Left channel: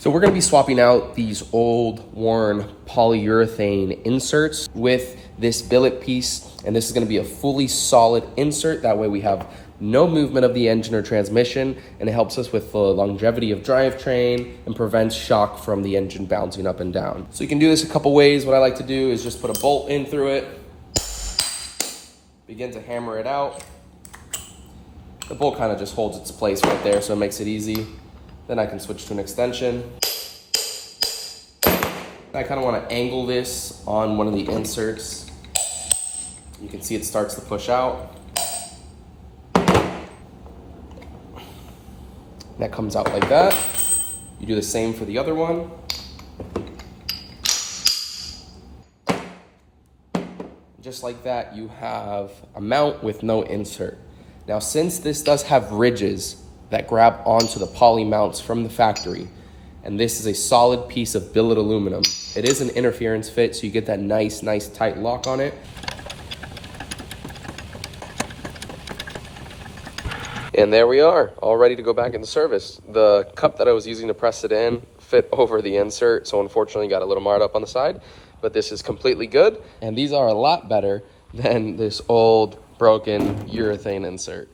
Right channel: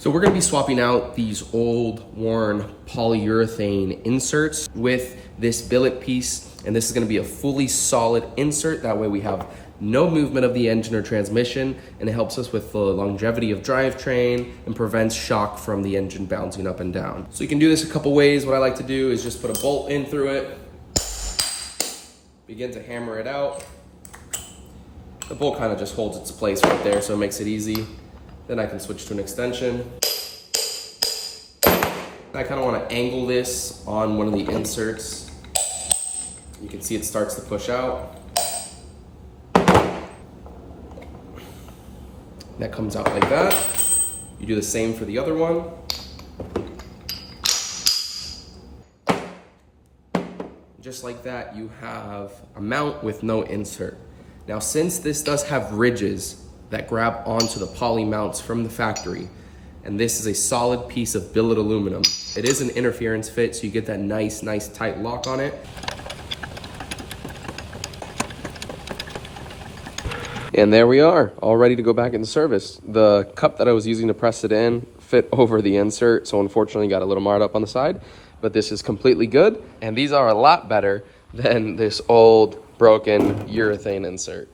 So we're gonna be swapping out these old worn polyurethane inserts with this billet piece, and this is gonna be a fully solid insert. That way we have no movement of the engine or transmission, and it helps us with the longevity of drivetrain and prevents shock from the engine bouncing up and down. So you can do this a couple ways. What I like to do is just put a bolt in through it, begin to hammer it out. The bolt kind of just holds its place right there, so it makes it easy. Then I can switch to an extension. I kind of want to angle this on one of the inserts. You can see it starts to push out. That comes out like that. You do the same for the other one. Just like that, you have a mount with no insert. Now, since this does have ridges that grab onto the poly mounts from the factory, and this is a solid piece of billet aluminum, it is an interference fit, so you get that nice tight lock on it. And there we are, all ready to go back into service. The cup that I was using to press it in fit over the insert, so unfortunately got a little marred up on the side, but this is completely good. And these are a lot better than this old broken urethane insert.